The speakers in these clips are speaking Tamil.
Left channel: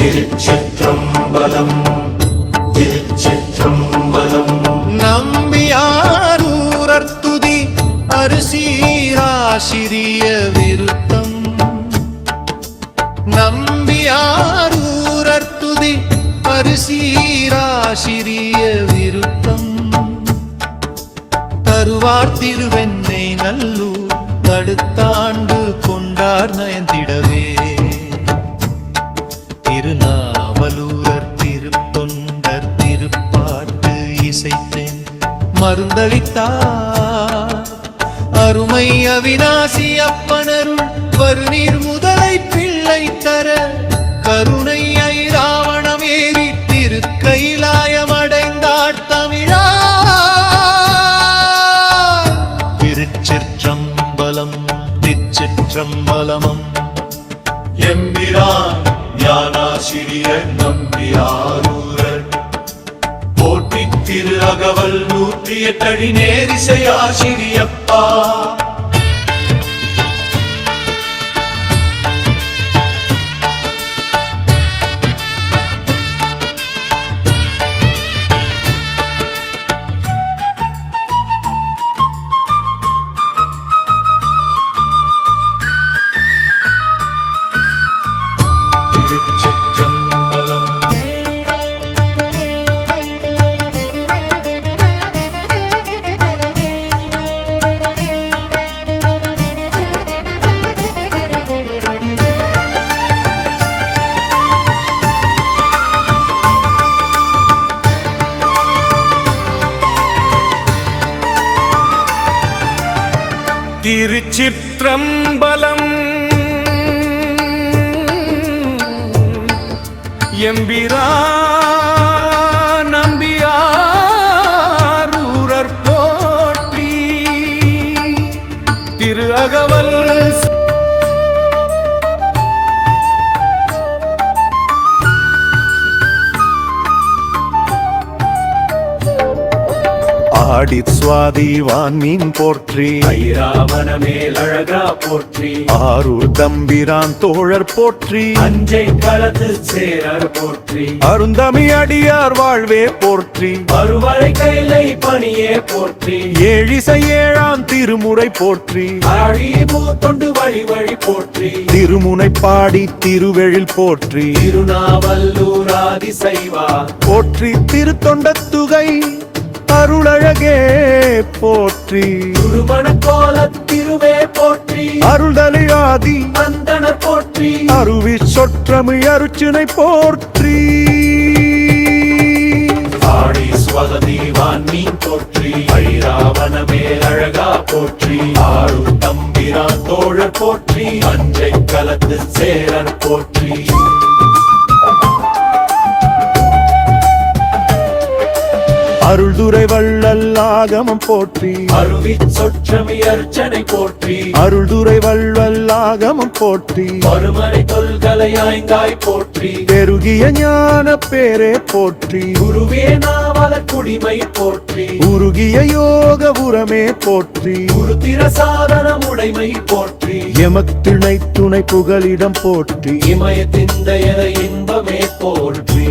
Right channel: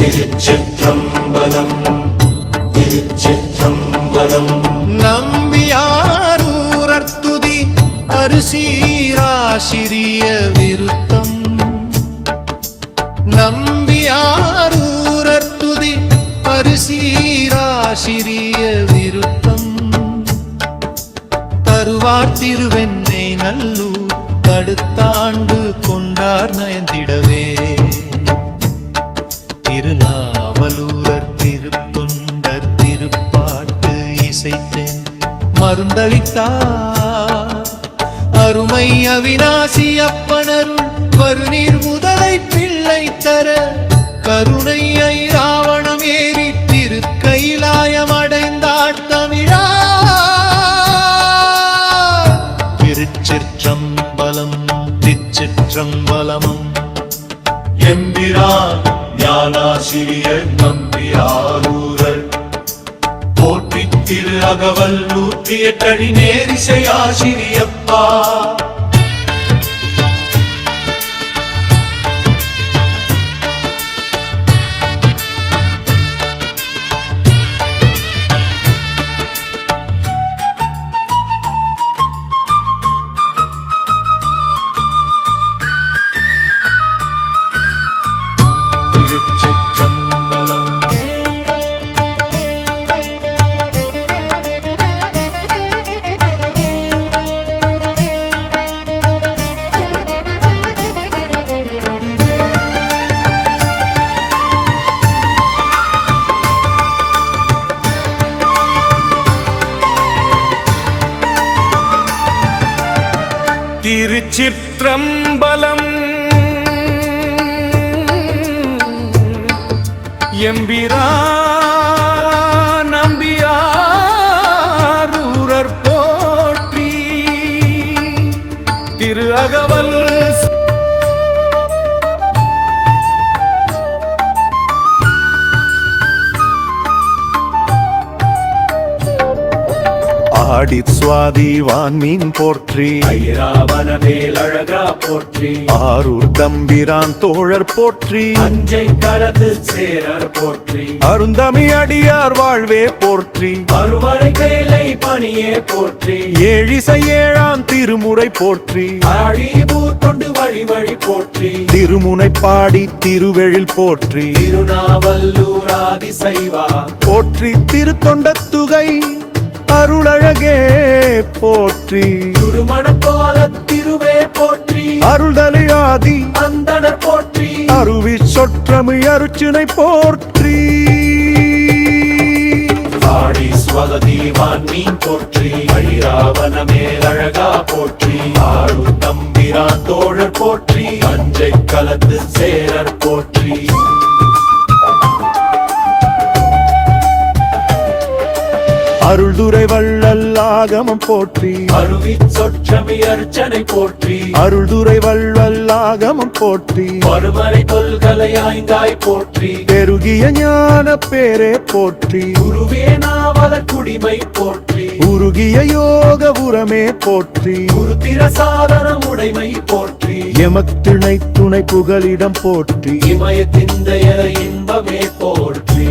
திருச்சிற்றம்பலம் திருச்சிற்றம்பலம். நம்பியாரூரர்த்துதி அரிசீராசிரிய விருத்தம். நம்பியாரூரர்த்துதி அரிசீராசிரிய விருத்தம். தருவார் திருவெண்ணை நல்லூர் தடுத்தாண்டு கொண்டார் நயந்திடவே. திருநாவலூரர் திருத்தொண்டர் திருப்பாட்டு இசைத்தேன் மருந்தளித்தார். அருமை அவிநாசி அப்பனருள் வருநீர் முதலை பிள்ளை தர கருணை ஐராவணம் ஏறி திருக்கைலாயம் அடைந்தார் தமிழா. திருச்சிற்றம்பலம் திருச்சிற்றம்பலமம். எம்பிரான் ஞானாசிரியர் நம்பியாரூரர் போற்றி திரு அகவல் 108 அடி நேரிசையாசிரியப்பா. திருச்சிற்றம்பலம். திருச்சிற்றம்பலம். எம்பிரான் நம்பியாரூரர் போற்றி திரு அகவல் ஆடி சுவாதி வான்மீன் போற்றி ஐராவண மேலழகா போற்றி ஆரூர் தம்பிரான் தோழர் போற்றி அஞ்சை களத்து சேரர் போற்றி அருந்தமி அடியார் வாழ்வே போற்றி அறுவரை கைலை பணியே போற்றி ஏழிசை ஏழாம் திருமுறை போற்றி அழிபூ தொண்டு வழி வழி போற்றி திருமுனை பாடி திருவெழில் போற்றி திருநாவல்லூர் ஆதிசைவா போற்றி திருத்தொண்டத்துகை அருளழகே போற்றி திருமண கோல திருவே போற்றி அருள்தலை ஆதி அந்தனர் போற்றி அருவி சொற்றமிழ் அருச்சினை போற்றி ஆடி ஸ்வகதி வான்மீன் போற்றி ஐராவண மேலழகா போற்றி ஆழு தம்பிரான் தோழர் போற்றி அஞ்சை களத்து சேரர் போற்றி அருள்துறை வள்ளல் ஆகமம் போற்றி அருவி சொற்றமி அர்ச்சனை போற்றி அருள்துறை வள்ளல் ஆகமம் போற்றி மறுமறை தொல்கலை ஆய்ந்தாய் போற்றி பெருகிய ஞான பேரே போற்றி குருவே நாவல குடிமை போற்றி உருகிய யோக உரமே போற்றி குருத்திர சாதன உடைமை போற்றி எமத்திணை துணை புகலிடம் போற்றி இமயத்திந்தைய இன்பமே போற்றி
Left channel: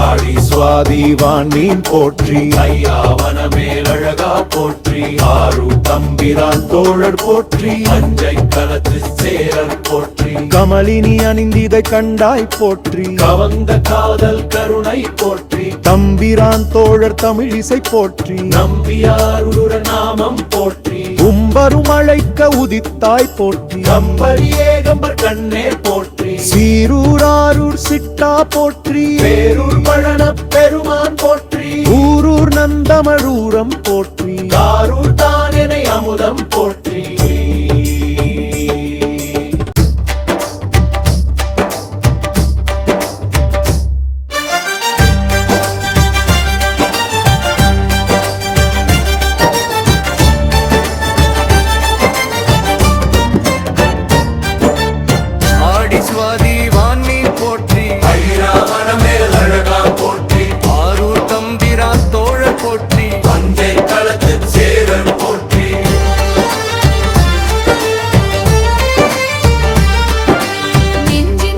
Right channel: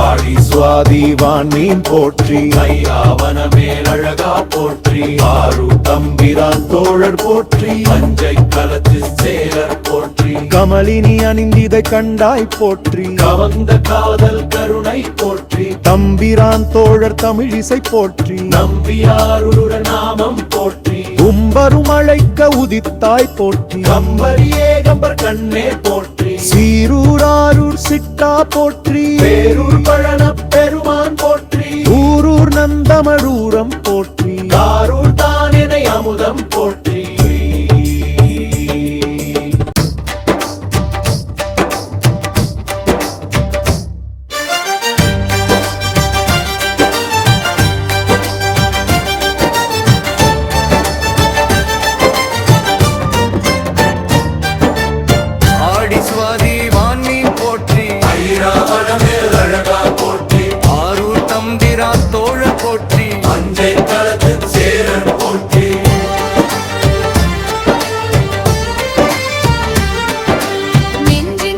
ஆடி சுவாதி வான்மீன் போற்றி ஐராவண மேலழகா போற்றி ஆறு தம்பிரான் தோழர் போற்றி அஞ்சை களத்து சேரர் போற்றி கமலினி அணிந்திதை கண்டாய் போற்றி கவந்த காதல் கருணை போற்றி தம்பிரான் தோழர் தமிழிசை போற்றி நம்பியாருட நாமம் போற்றி கும்பரும் அழைக்க உதித்தாய் போற்றி கம்பரியே கம்பர் கண்ணே போற்றி சீரூராரூர் சிட்டா போற்றி பேரூர் பழன பெருமான் போற்றி ஊரூர் நந்தமழூரம் போற்றி காரூர் தானெனை அமுதம் போற்றி சுவாதி வான்மீன் போற்றி ஐராவண மேலழகா போற்றி ஆரூர் தம்பிரான் தோழர் போற்றி அஞ்சை களத்து சேரர் போற்றி நெஞ்சில்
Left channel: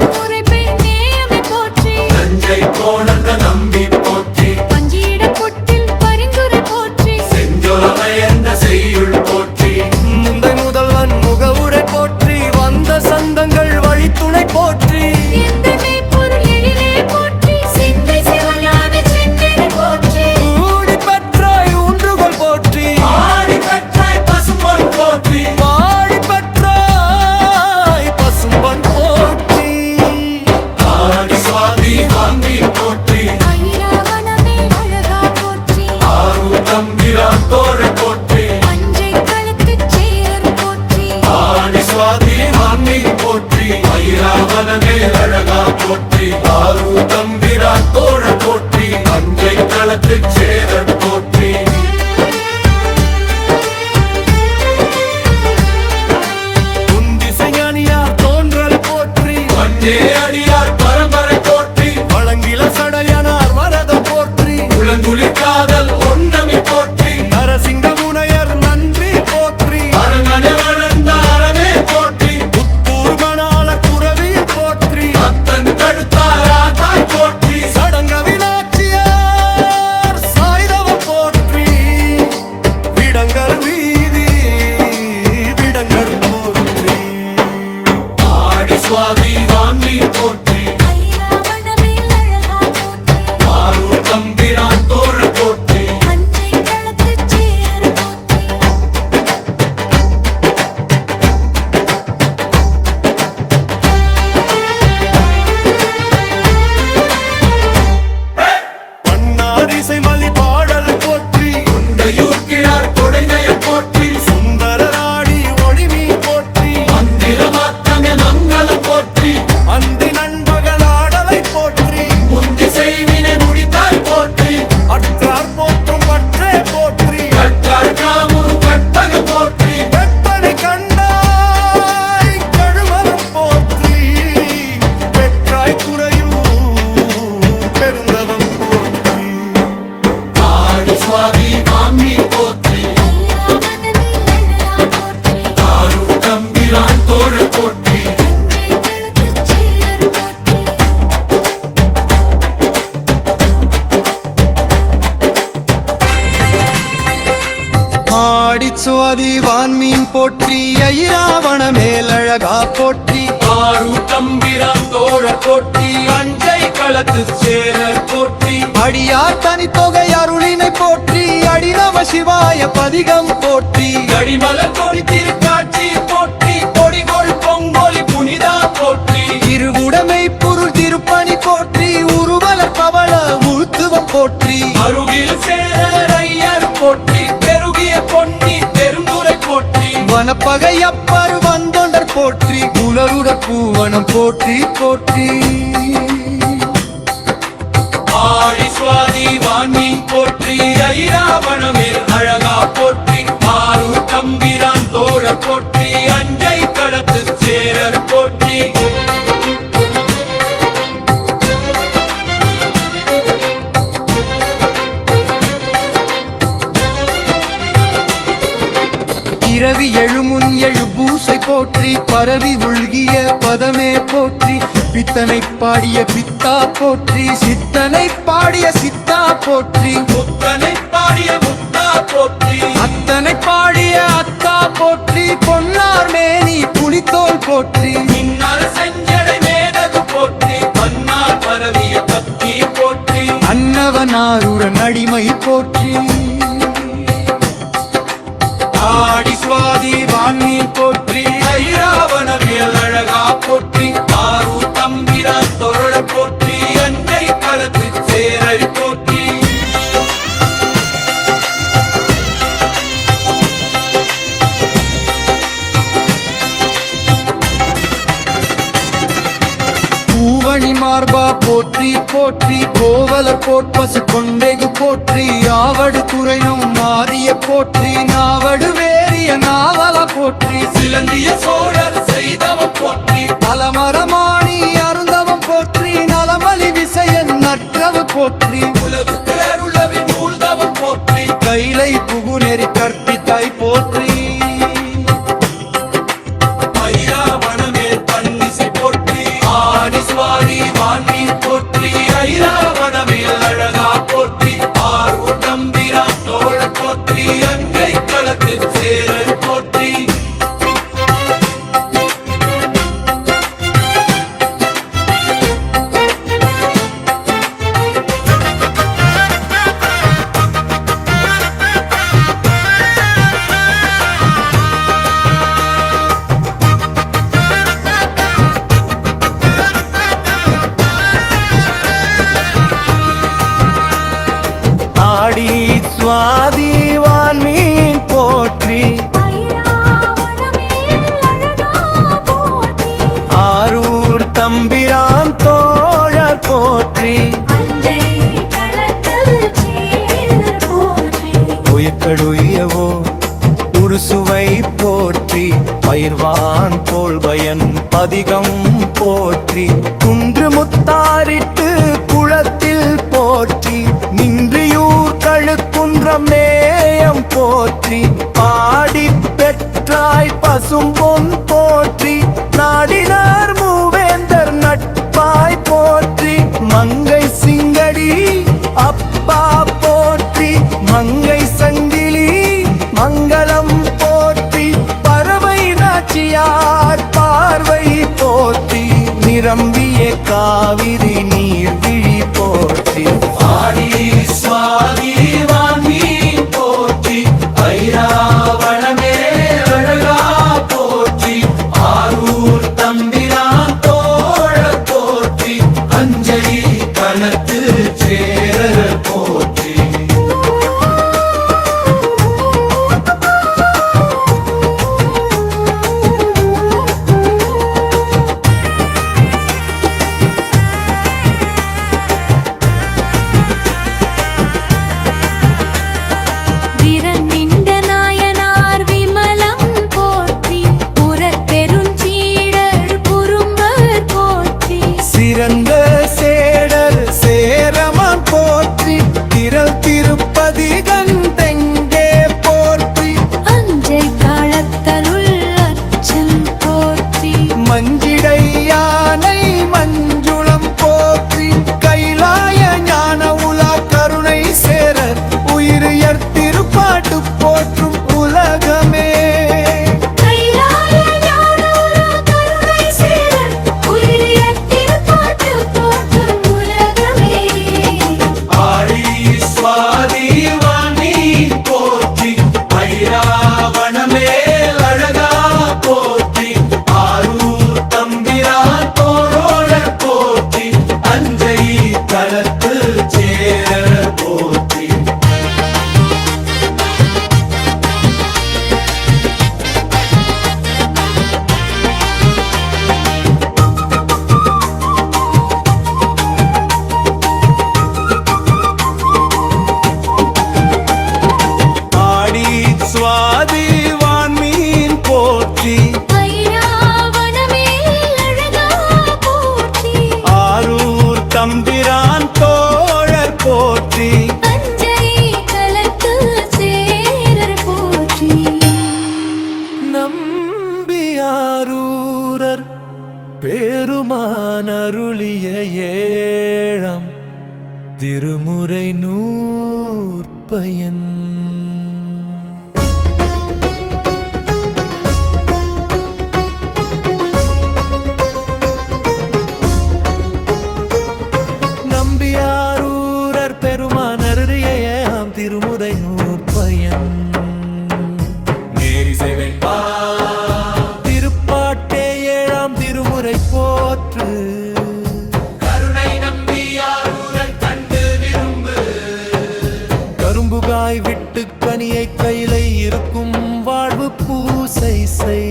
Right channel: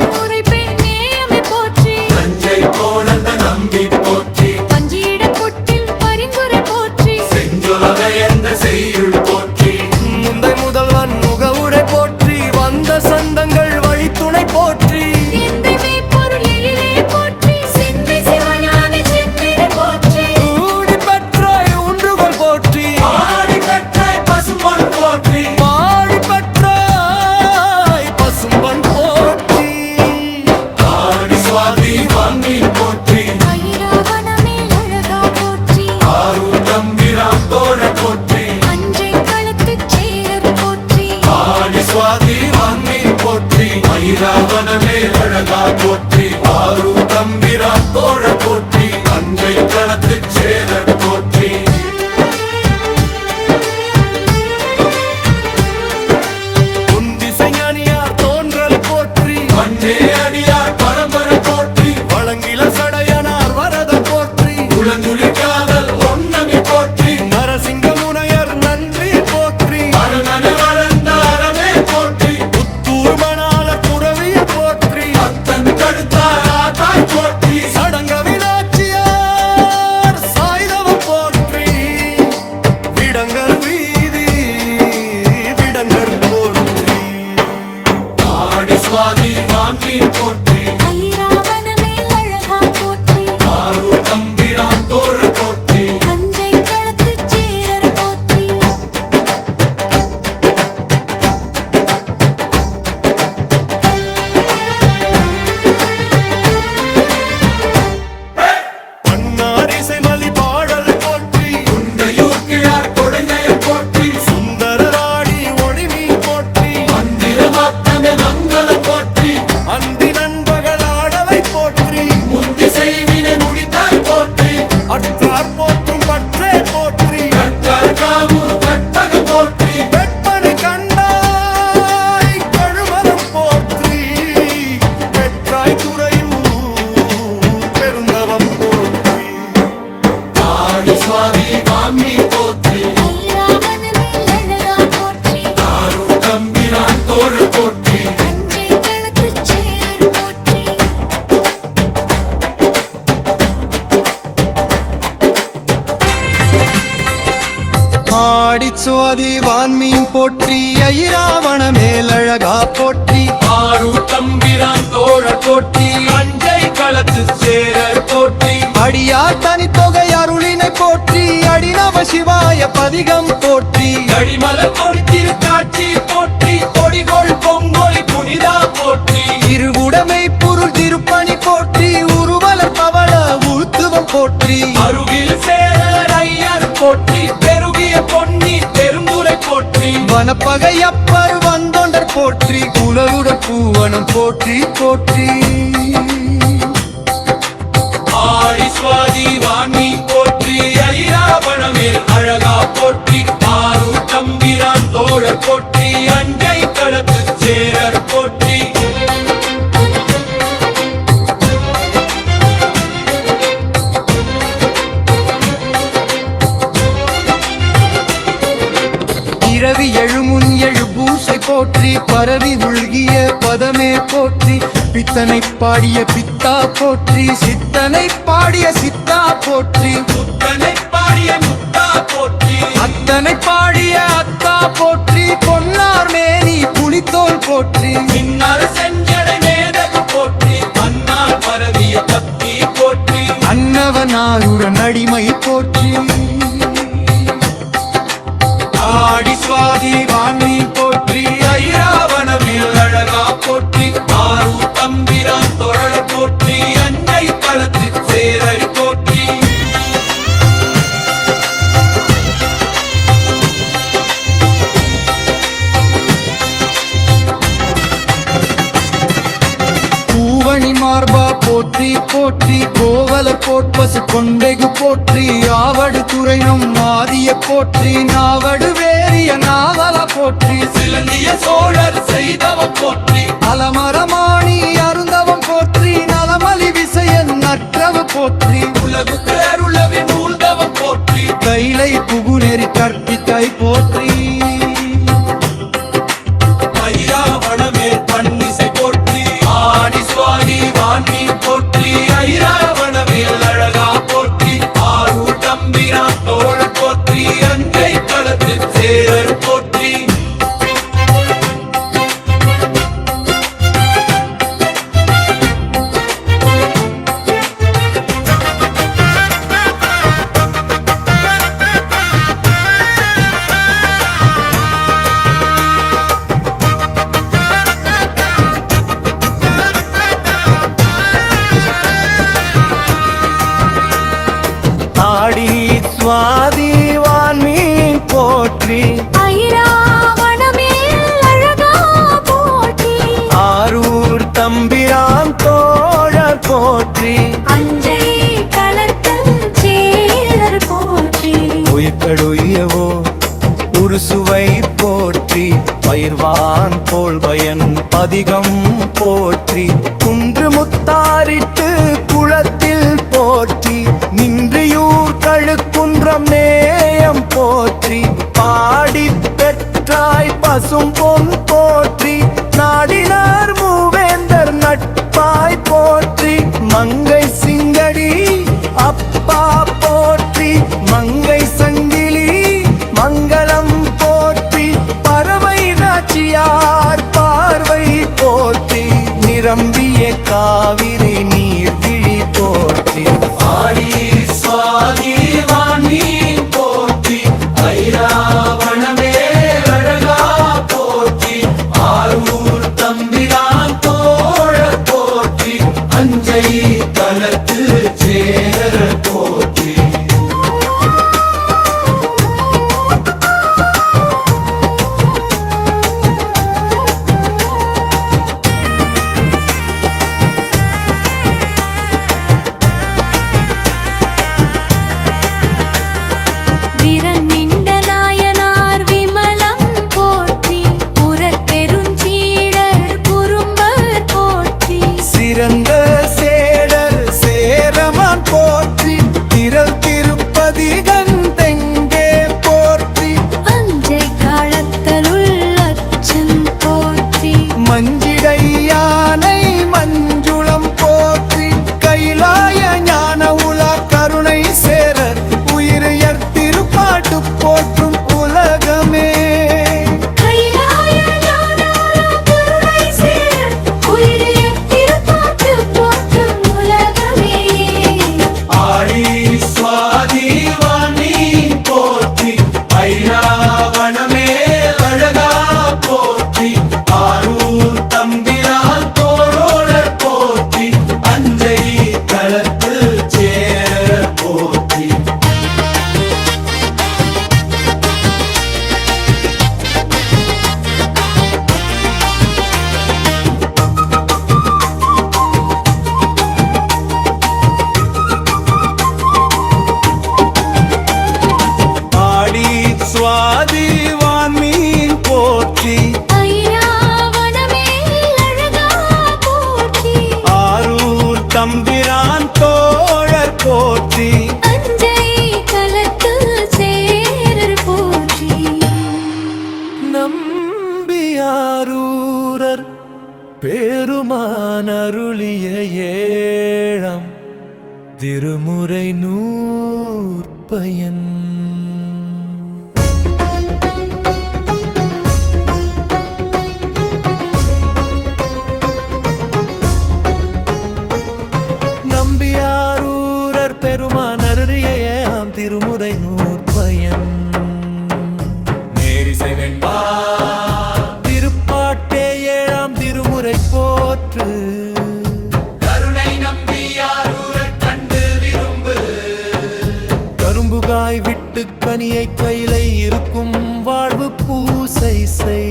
சொந்த சந்தங்கள் வழித்துணை போற்றி எந்தைமை பொருள் எழிலே போற்றி சிந்தை சிவஞான சிந்தை போற்றி ஊடி பெற்றாய் ஊன்றுகோல் போற்றி ஆடி பெற்றாய் பசும்பொன் போற்றி பாடி பெற்றாய் பசும்பன் போற்றி ஆடி சுவாதி வாங்கி போற்றி ஐராவணமே அழகா போற்றி ஆரூர் தம்பிரான் தோழ போற்றி அஞ்சை களத்துச் சேரர் போற்றி ஆடி சுவாதி வாங்கி போற்றி ஐராவணமே அழகா போற்றி ஆரூர் தம்பிரான் தோழ போற்றி அஞ்சை களத்து சேரர் போற்றி உந்திசைஞானியார் தோன்றல் போற்றி வந்தே அடியார் பரம்பரை போற்றி வழங்கில சடையனார் வரதம் போற்றி உலங்குளிர் காதல் ஒன்னமி போற்றி நரசிங்க முனையர் நன்றி போற்றி அரண்மனை வளர்ந்த அறவே போற்றி புத்தூர் மணாளர் புறவியில் போற்றி அத்தன் தடுத்தார் தாய் போற்றி சடங்க வினாச்சியார் சாய்தவம் போற்றி விடங்கர் வீதி விடங்கர் போற்றி ஆடி சுவாதி வாங்கி போற்றி ஐராவணமே அழகா போற்றி ஆரூர் தம்பிரான் தோழ போற்றி அஞ்சை களத்துச் சேரர் போற்றி பன்னார் இசைமலி பாடல் போற்றி குண்டையூர் கிழார் கொடைநயம் போற்றி சுந்தரராடி ஒளிமீன் போற்றி மந்திரமாத்தமே மங்களம் போற்றி அந்தி நண்பகலாடலை போற்றி முந்தி செய்வினை முடித்தாய் போற்றி அற்றார் போற்றும் பற்றே போற்றி கற்றார் காமுறு கற்பகம் போற்றி வெப்பனை கண்டாய் கழுமலம் போற்றி பெற்றாய் துறையூர் பெருந்தவம் போற்றி ஆடி சுவாதி வாங்கி போற்றி ஐராவணமே அழகா போற்றி ஆரூர் தம்பிரான் தோழ போற்றி அஞ்சை களத்துச் சேரர் போற்றி ஆடி சுவாதி வான்மீன் போற்றி ஐராவண மேலழகா போற்றி ஆரூர் தம்பிரான் தோழ போற்றி அஞ்சை களத்து சேரர் போற்றி அடியார் தனித்தொகை அருளினை போற்றி அடிநவ சிவாய பதிகம் போற்றி கடிமலர் கொடி திருக்காட்சி போற்றி கொடிகொள் பொங்கொலி புனிதா போற்றி இருவுடைமை பொருள் திருப்பணி போற்றி உருவலர் பவள உழுத்துவம் போற்றி அருகில் சேரர் ஐயர் போற்றி பெருகிய பொன்னி பெருந்துரை போற்றி வனப்பகை அப்பர் வந்தொண்டர் போற்றி குலருடர் பூவனம் போற்றி போற்றி ஆடி சுவாதி வான்மீன் போற்றி ஐராவணமேல் அழகா போற்றி ஆரூர் தம்பிரான் தோழர் போற்றி அஞ்சை களத்து சேரர் போற்றி இரவி எழுமுன் எழு பூசை போற்றி பரவி உள்கிய பதமே போற்றி பித்தனை பாடிய பித்தா போற்றி சித்தனை பாடிய சித்தா போற்றி முத்தனை பாடிய முத்தா போற்றி அத்தனை பாடிய அத்தா போற்றி பொன்னார் மேனி புலித்தோல் போற்றி மின்னார் செஞ்சடை மேதகு போற்றி பன்னார் பரவிய பத்தி போற்றி அன்னவனாருடன் அடிமை போற்றி ஆடி சுவாதி வான்மீன் போற்றி ஐராவணமேல் அழகா போற்றி ஆரூர் தம்பிரான் தோழ போற்றி அஞ்சை களத்து சேரரி போற்றி பூவணி மார்பா போற்றி போற்றி கோவலர் போட்பசு கொண்டெகு போற்றி ஆவடு துறையும் ஆதிய போற்றி நாவடு வேறிய நாவல போற்றி சிலந்திய சோழர் செய்தவம் போற்றி அலமரமாணி அருந்தவம் போற்றி நலமலி விசயன் நற்றவு போற்றி உலகுக்கு அருளவி நூல்தவம் போற்றி கைலை புகுநெறி கற்பித்தாய் போற்றி ஐராவணமேல் பன்னிசை போற்றி ஆடி சுவாதி வான்மீன் போற்றி ஐராவணமேல் அழகா போற்றி ஆரூர் தம்பிரான் தோழ போற்றி அஞ்சை களத்து சேரர் போற்றி சுவாதிவான் மீன் போற்றி ஐராவணமேல் அழகா போற்றி ஆரூர் தம்பிரான் தோழர் போற்றி அஞ்சை களத்தில் சேரர் போற்றி உயக்கடுயவோ உருசுவை போற்றி பயிர்வான் போல்பயன் பதிகம் போற்றி குன்று முத்தாரிட்டு குளத்தில் போற்றி நின்றியூர் கழுக்குன்றம் நேயம் போற்றி பாடி பெற்றாய் பசும்பொன் போற்றி நாடினார் மூவேந்தர் நட்பாய் போற்றி மங்கை சிங்கடி அப்பா போற்றி மங்கை சங்கிலி மங்களம் போற்றி பறவை நாச்சியார் பார்வை போற்றி நிரம்பிய காவிரி நீர்விழி போற்றி ஆடி சுவாதிவான் மீன் போற்றி ஐராவணமே அழகா போற்றி ஆரூர் தம்பிரான் தோழர் போற்றி அஞ்சை களத்து சேரர் போற்றி வீரநின்ற நாயனார் விமலம் போற்றி புறப்பெருஞ்சீடர் குறும்பர் போற்றி சிறந்த சேடர் சேரமான் போற்றி திரள் திருப்பதி கந்தெங்கே போற்றி அஞ்சை களத்தலுள் அச்சன் போற்றி மஞ்சிடை யானை மஞ்சுளம் போற்றி கைலாய ஞான உலா கருணை சேரர் உயிரியர் திருப்பாட்டு போற்றும் உலகமே கைலாய ஞானோலா கருணை சேரர் உயிரியர் திருப்பாட்டு போற்றும் உலகமே ஆடி சுவாதிவான் மீன் போற்றி ஐராவணமே அழகா போற்றி ஆரூர் தம்பிரான் தோழர் போற்றி அஞ்சை களத்து சேரர் போற்றி ஆடி சுவாதிவான் மீன் போற்றி ஐராவணமேல் அழகா போற்றி ஆரூர் தம்பிரான் தோழர் போற்றி அஞ்சை களத்து சேரர் போற்றி நம்பியாரூரர் பெருமான் அருளிய ஏழாம் திருமுறை நூற்பயன் நம்பியாரூரர் பெருமான் அருளிய ஏழாம் திருமுறை நூற்பயன் நேரிசை வெண்பா திருப்பாட்டே ஏழாம் திருமுறை போற்று கருணை நம்பியாரூரர் கண்டு விரும்பு கரும்புகாய் விட்டு கனியை கையிலை இருக்கும் வாழ்வு பூசை செய்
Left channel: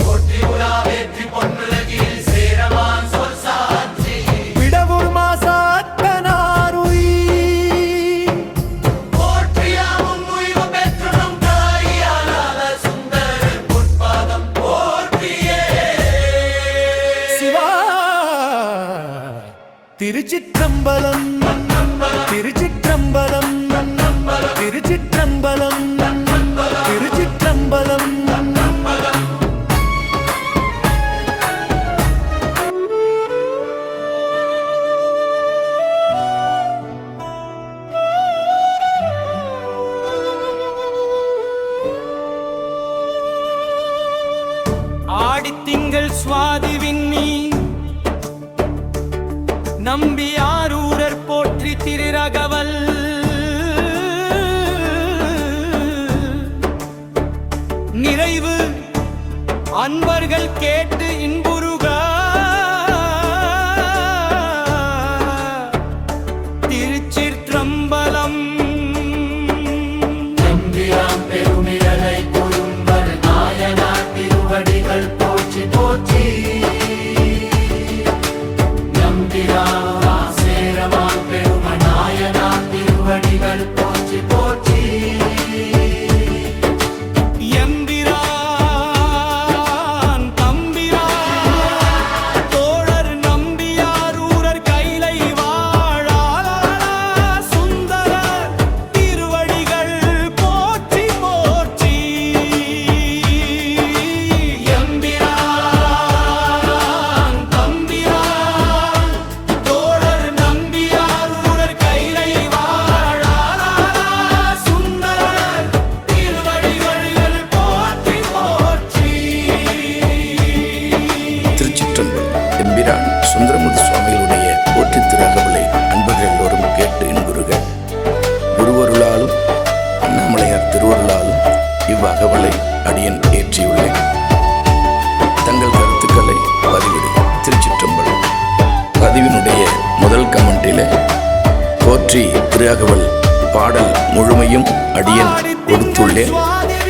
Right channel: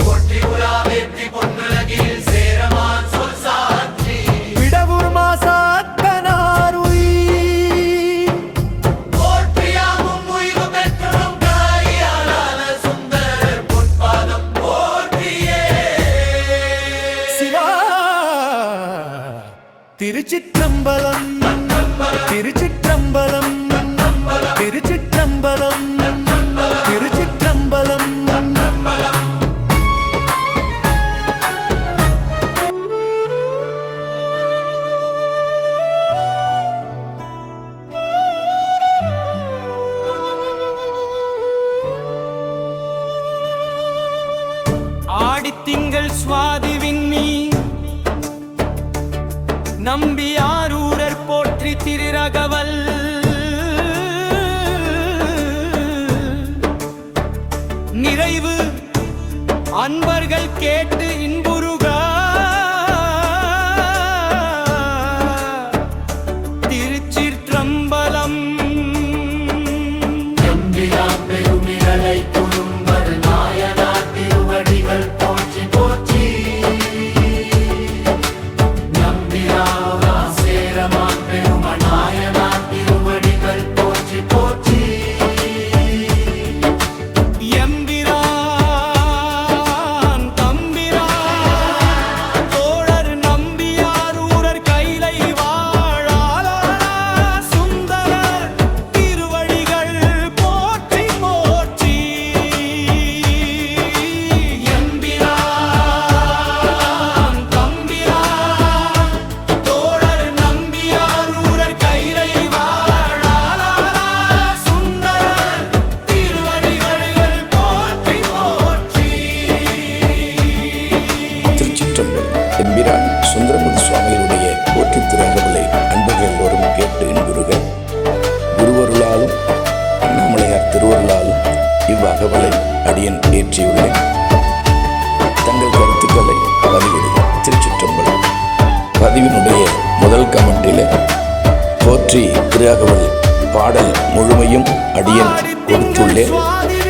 போற்றி உலா வெற்றி பொன்னுலகில் சேரமான் சொல் சாட்சி விடவுர் மாசாத்தனாருய் போற்றியாவும் உய்வு பெற்றனும் காயாலால சுந்தரர் பொற்பாதம் போற்றியே சிவா திருச்சிற்றம்பலம் திருச்சிற்றம்பலம் திருச்சிற்றம்பலம் திருச்சிற்றம்பலம் ஆடித்திங்கள் சுவாதி விண்ணி நம்பியாரூரர் போற்றி திருரகவல் நிறைவு அன்பர்கள் கேட்டு இன்புருக திருச்சிற்றம்பலம் எம்பிரான் சுந்தரமூர்த்தி சுவாமிகளுடைய போற்றி திருஅகவலை அன்பர்கள் எல்லோரும் கேட்டு இன்புறுக. குருவருளாலும் அண்ணாமலையார் திருவருளாலும் இவ்வகவலை அடியன் ஏற்றியுள்ளேன். தங்கள் கருத்துக்களை பதிவிடுக. திருச்சிற்றம்பலம். பதிவினுடைய முதல் கமெண்டில் போற்றி திருஅகவல் பாடல் முழுமையும் அடியன் கொடுத்துள்ளேன்.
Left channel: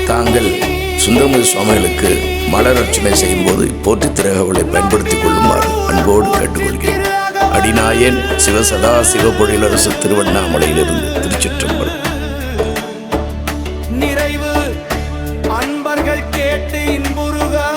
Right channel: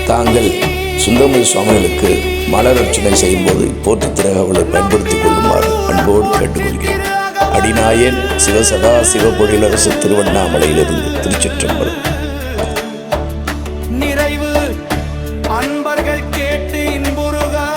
தாங்கள் சுந்தரமூர்த்தி சுவாமிகளுக்கு மலர் அர்ச்சனை செய்யும்போது போற்றி திருஅகவலை பயன்படுத்திக் கொள்ளுமாறு அன்போடு கேட்டுக்கொள்கிறேன். அடிநாயன் சிவசதா சிவபொழிலரசு திருவண்ணாமலையிலிருந்து. திருச்சிற்றம்பலம். நிறைவு அன்பர்கள் கேட்டு இன்புறுக.